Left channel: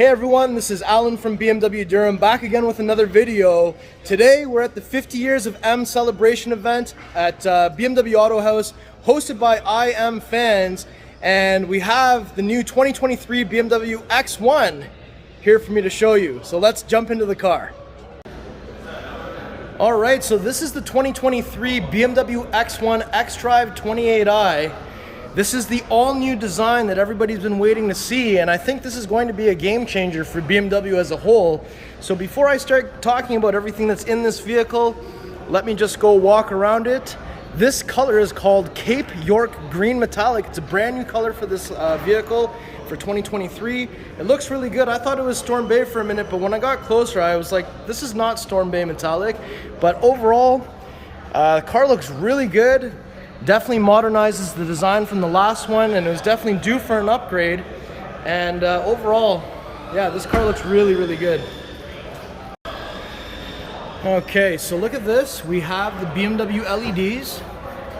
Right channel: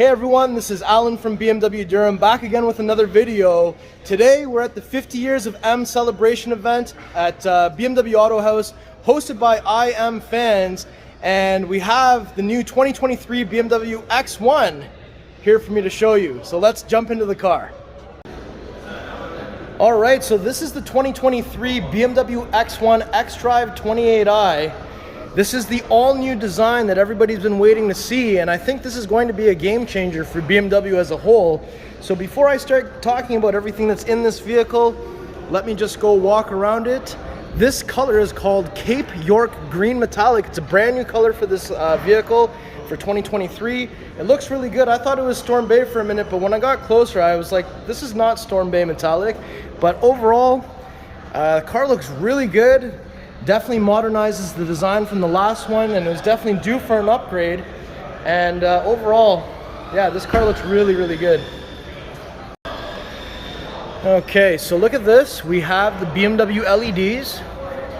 Hey everyone, this is Alan from BMW Durham, back again with another video. Today we're at the 50 Years of M celebration event at BMW Autohaus, hosted by IM fans, and we have the new 2023 BMW X1 here for me to show you. So let's jump into the car. Alright, so this is the 2023 BMW X1 xDrive28i. This is the all-new design that everybody's been waiting to see, and I think this is going to be a game changer for BMW as a whole. So before I start talking about everything that's in this vehicle, let me just go walk around it. This color is called Cape York Green Metallic. It's a brand new color for this vehicle for 2023. It looks really good. I thought it was Storm Bay for a minute, but when I got closer, I was like, this is not Storm Bay Metallic. But overall, the car looks really good. Definitely modernizes the design from the last one, and it was definitely due for an upgrade. And overall, yeah, this car looks really, really good. Okay, so look at this. We have the BMW LEDs,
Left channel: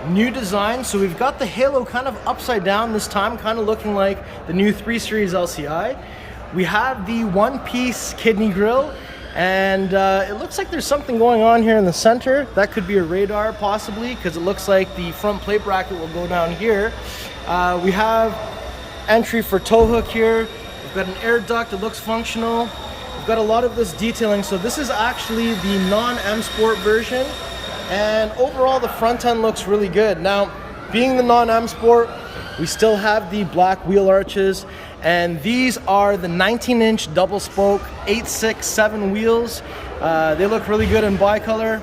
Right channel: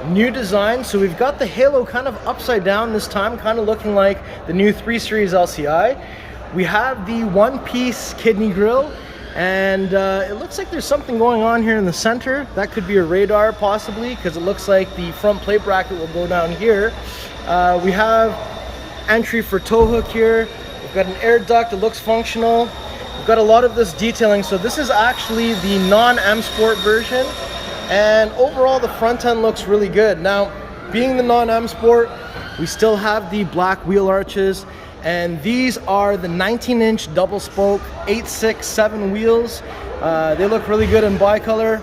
new design. So we've got the halo kind of upside down this time, kind of looking like the new 3 Series LCI. We have the one-piece kidney grille, and it looks like there's something going on here in the center. That could be a radar possibly, because it looks like the front plate bracket will go down here. We have entry for tow hook here. We've got an air duct that looks functional. We've got a lot of this detailing. So this is actually the non-M Sport version, and overall the front end looks really good. Now, being the non-M Sport, we still have the black wheel arches, and these are the 19-inch double spoke 867 wheels. They look really good in bicolor.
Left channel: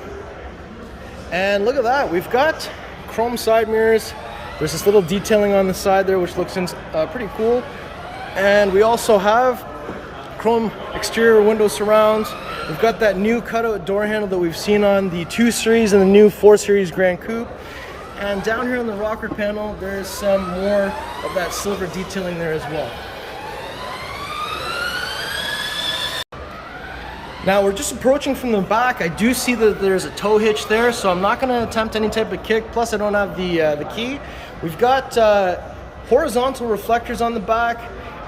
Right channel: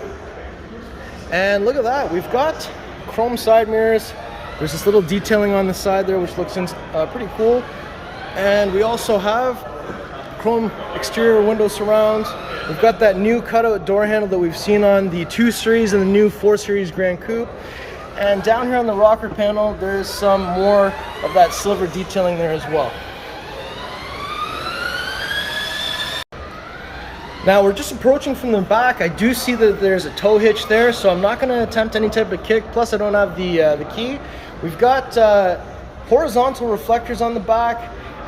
And look at that, we've got chrome side mirrors. There's this little detailing on the side there which looks pretty cool. And we also have chrome exterior window surrounds. We've got that new cutout door handle that we've seen on the 2 Series and the new 4 Series Grand Coupe. And down here on the rocker panel, there's some more of that silver detailing there as well. Now we're just approaching from the back. I do see that there's a tow hitch there, so I'm not going to attempt any type of kick. Plus, I don't have the key. We've got horizontal reflectors on the back.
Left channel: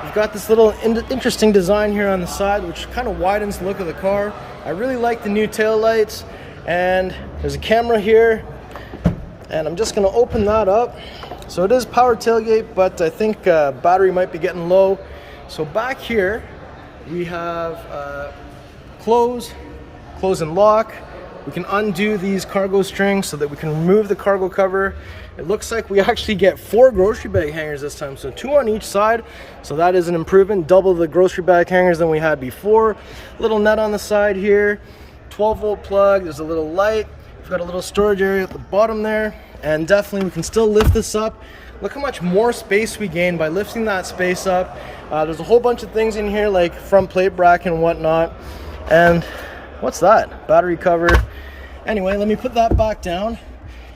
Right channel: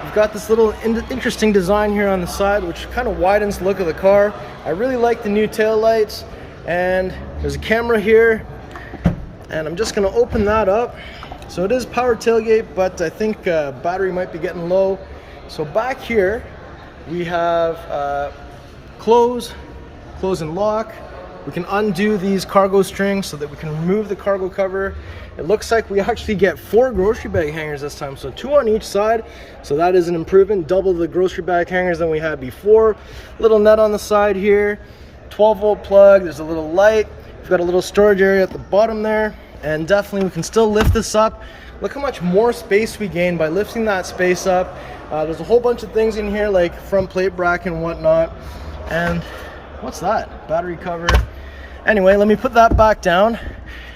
We've got this little interesting design here on the side, which kind of widens the look of the car. I really like the new tail lights, and there's a camera here. And I'm just going to open that up. So it is power tailgate, but I think battery might be getting low. So back here we have close and lock. We can undo these cargo strings so that we can remove the cargo cover. It looks like we actually get 4 grocery bag hangers this time, so 2 on each side. So that is an improvement, double the grocery bag hangers than we had before. Little net on the side here, 12-volt plug. There's a little light. We've got a little storage area at the bottom there, and definitely we can still lift this up. Look how much more space we gain by lifting that space up. There's a whole bunch of things in here like front plate bracket and whatnot. And what's that? Battery cover. Anyway, let me put that back down.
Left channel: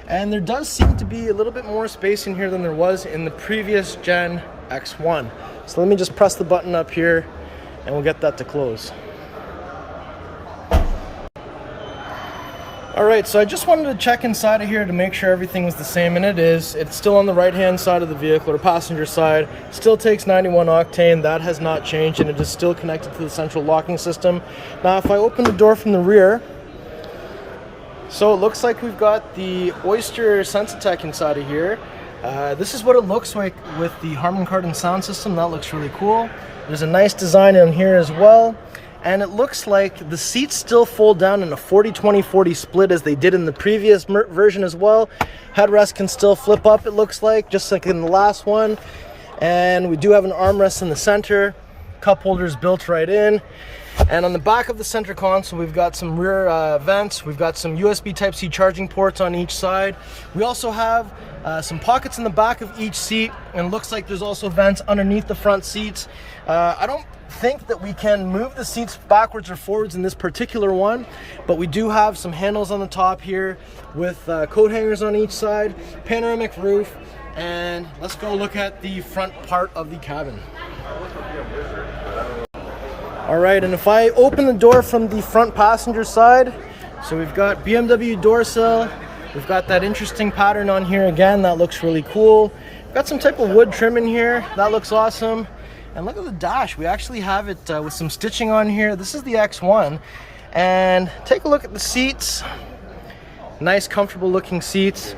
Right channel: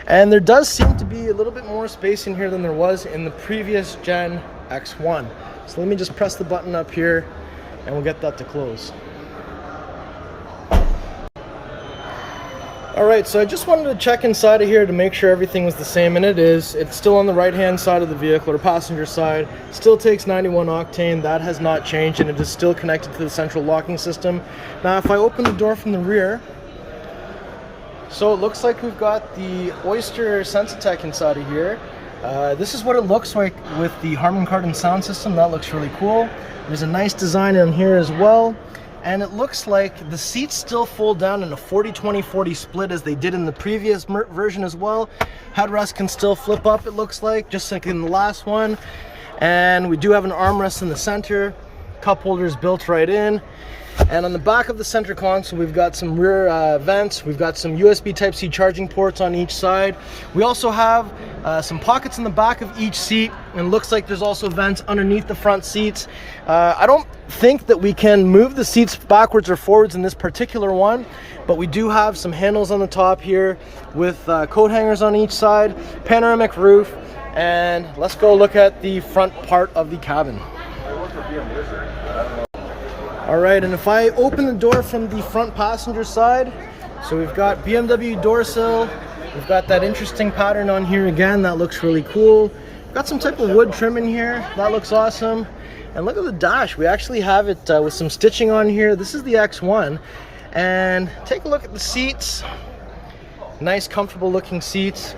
And there does seem to be a little bit more space in here than there was in the previous gen X1. So let me just press the button up here and we'll get that to close. Alright, so I just wanted to check inside of here to make sure everything was the same, and it is. It's still on the right hand side of the vehicle, or passenger side. Still takes 91 octane, that has not changed, and it is still connected to the central locking system. Now if I open the door from the rear, so it looks like we've got the Oyster Sensatec inside of here. This is what it looks like with the Harman Kardon sound system. That looks really cool. There's a nice design in here as well. And it looks like the seats still fold down in a 40-20-40 split as they did in the previous version as well. Headrest can still flip up, it looks like, just like in the last one. And we do have an armrest in the center. Cup holders built right in. And on the back of the center console, we've got some rear vents. We've got some USB Type-C charging ports on each side. We also have some pockets in the back of each seat, and looks like there's also vents underneath the front seats. I don't think that we can move the seats backwards or forwards in this particular one, but we do have some handles on the top here with coat hangers on each side, panoramic roof, and let's go look at the front part of the cabin. Alright, and if I open the door from the front passenger side, so we've got BMW door sill, we've got that interesting pattern on here again, that looks really cool. Got some type of wood trim in here, that looks awesome. And look at the dash. We actually have it with some stitching on here. This is the X1. And take a look at the seats. Nice, comfortable looking seats.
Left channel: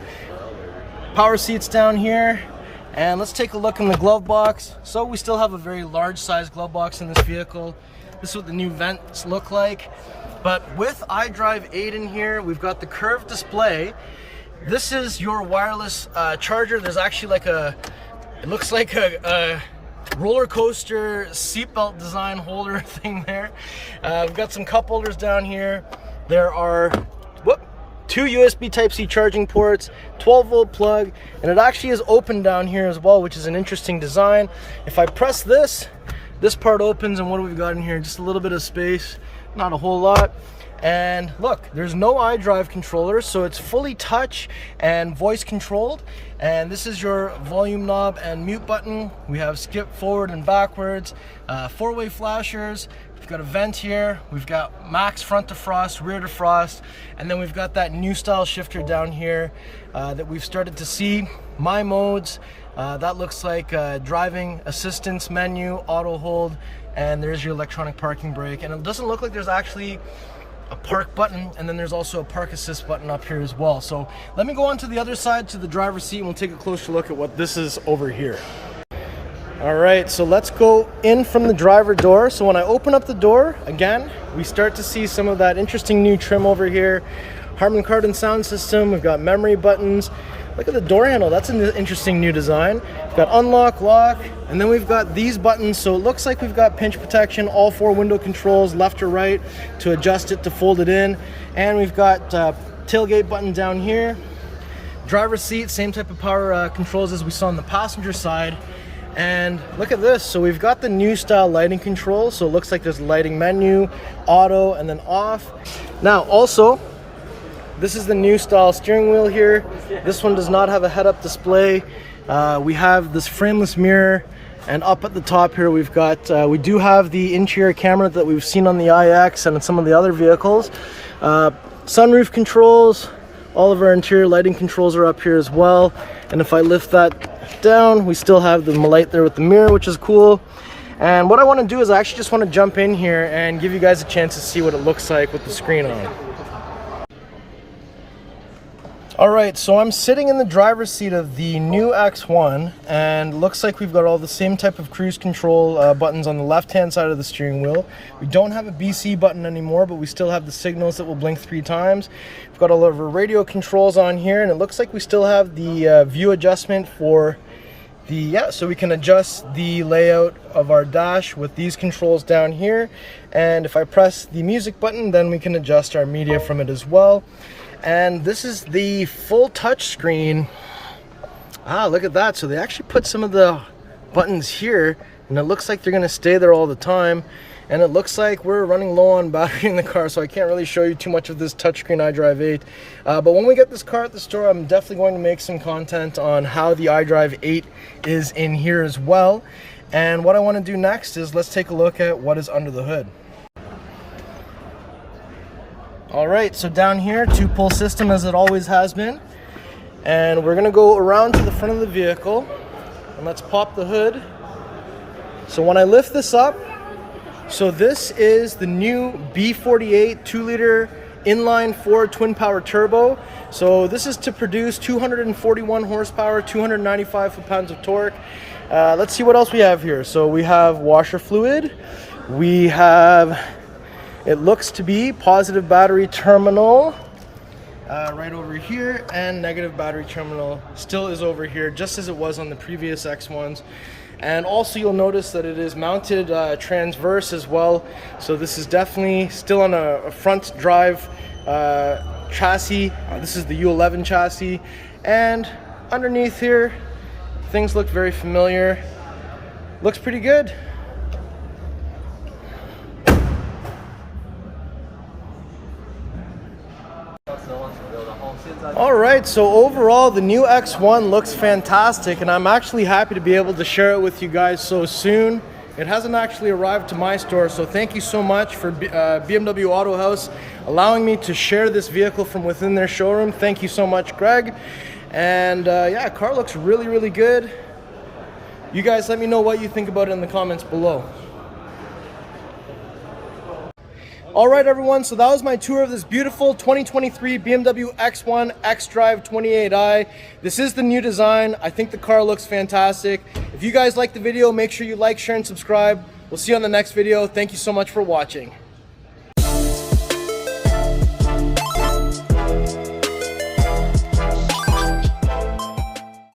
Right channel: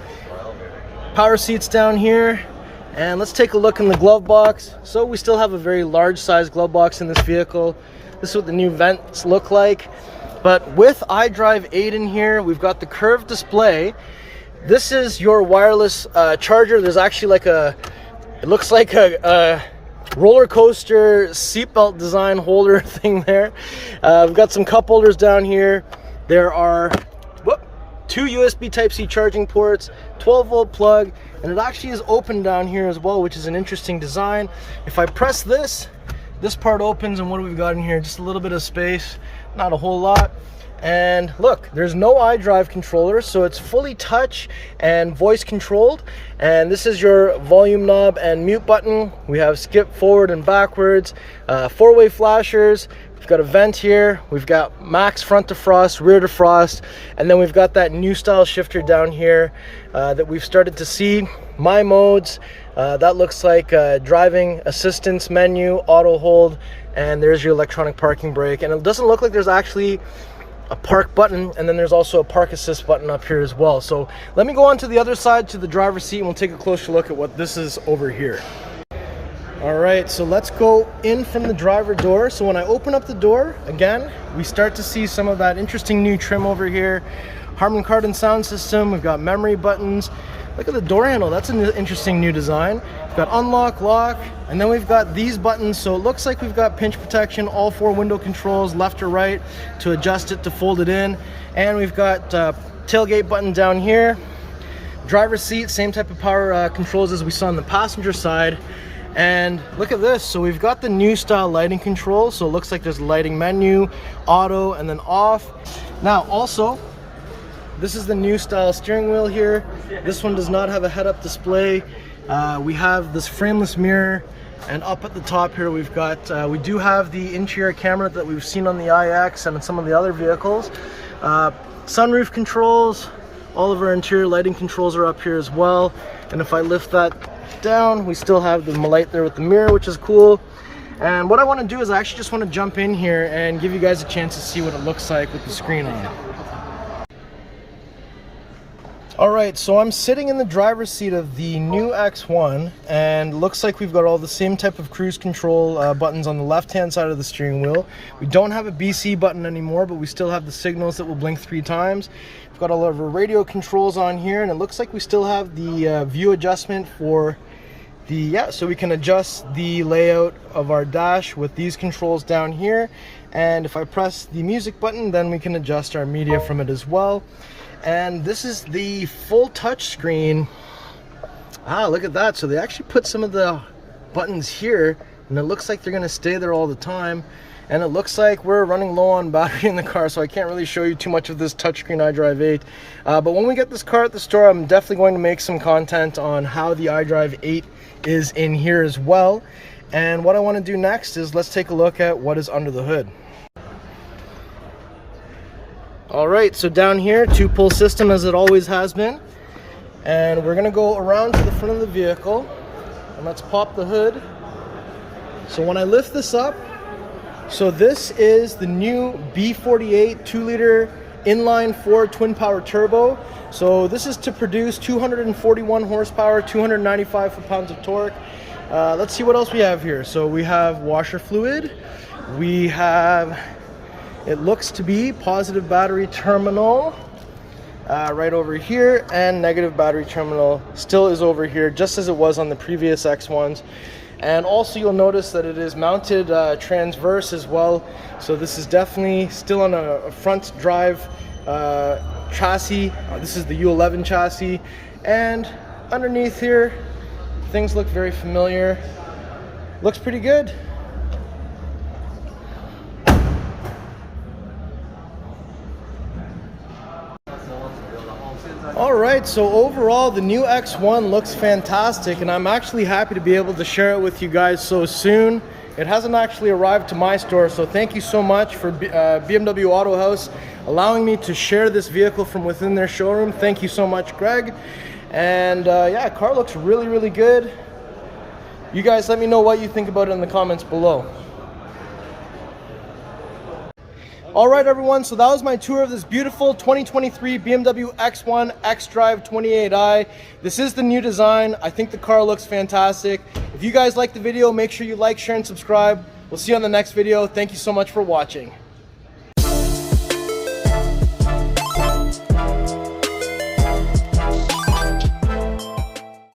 Power seats down here. And let's take a look in the glove box. So we still have a very large size glove box in this vehicle. This is what the new vents look like. But with iDrive 8 in here, we've got the curved display. This is your wireless charger. There's actually like it looks like a roller coaster seatbelt design holder thing there. We've got some cup holders down here. There are two USB Type-C charging ports, 12-volt plug, and it actually is open down here as well, which is an interesting design. If I press this part opens, and what do we got in here? Just a little bit of space, not a whole lot. And look, there's no iDrive controller, so it's fully touch and voice controlled. And this is your volume knob and mute button. We have skip forward and backwards, four-way flashers. We've got a vent here. We've got max front defrost, rear defrost, and then we've got that new style shifter down here that we've started to see. My modes, that looks like driving assistance menu, auto hold, and there's your electronic parking brake. And it doesn't look like there's actually a park button, and then there's also a park assist button up here as well. So let me go on to the other side to the driver's seat and we'll take a closer look at what this is over here. All right, so let's go in from the driver door. So when I open up the door, again, we start to see some of that interesting new trim over here. Harman Kardon sound system, we've got memory buttons. Look at the door handle, that's an interesting new design. We've got unlock, lock, and then we've got these buttons. So it looks like we've got pinch protection, all four window controls, left or right, to adjust it, to fold it in. And we've got tailgate button down here. Driver's seat, same type of power controls as we saw on the passenger side. And look at this, so we've got the new style lighting control. So it looks like there's a lighting menu, auto, and then off. Now also, this is the new style steering wheel here. This one does not have a head-up display. We have this frameless mirror, and up at the top here we've got, we do have the interior camera that we've seen on the iX and some of the other vehicles. Sunroof controls, all of our interior lighting controls are up here as well. And if I lift that down, we still have the light there with the mirror, which is cool. And what I want to do is I actually just want to jump in here and give you guys a chance to see what it looks like with the screen on. All right, so I'm sitting in the driver's seat of the new X1, and looks like we've got all the same type of cruise control buttons on the left-hand side of the steering wheel. We don't have a BC button anymore, but we still have the signals that will blink 3 times. We've got all of our radio controls on here, and it looks like we still have the view adjustment for the, so we can adjust the layout of our dash with these controls down here. And if I press the music button, then we can adjust our media from it as well. And this is the full touch screen. Look at that. So they actually put some of the buttons here, and it looks like they're going to stay there all the time. And it looks like we're running low on battery in the car, so I can't really show you too much of this touchscreen iDrive 8. But when we get this car at the store, I'm definitely going to make some content on how the iDrive 8 is in here as well. And what I want to do next is let's take a look at what is under the hood. All right, so down here, 2-pull system as it always has been. And we're gonna go around to the front of the vehicle, and let's pop the hood. So when I lift this up, so this is the new B48 2-liter inline 4 twin power turbo. So this is to produce 241 horsepower, 295 foot-pounds of torque. Let's see what else we have here. So we have washer fluid. We have, it looks to be positive battery terminal right over here, and negative battery terminal still is over here, just as it was on the previous X1s. And also you'll notice that it is mounted transverse as well. So this is definitely still on a front drive chassis. This is the U11 chassis. And underneath here, things look very familiar. Looks pretty good. All right, so overall the new X1 looks fantastic, and I'm actually happy to be able to share it with you guys so soon. It hasn't actually arrived to my store, so thank you so much for BMW Autohaus allowing me to share this vehicle from within their showroom. Thank you so much, Greg. And yeah, car looks really, really good. You guys let me know what you think about it in the comments below. All right, everyone, so that was my tour of this beautiful 2023 BMW X1 xDrive28i. This is the new design. I think the car looks fantastic. If you guys like the video, make sure you like, share, and subscribe. We'll see you on the next video. Thank you so much for watching.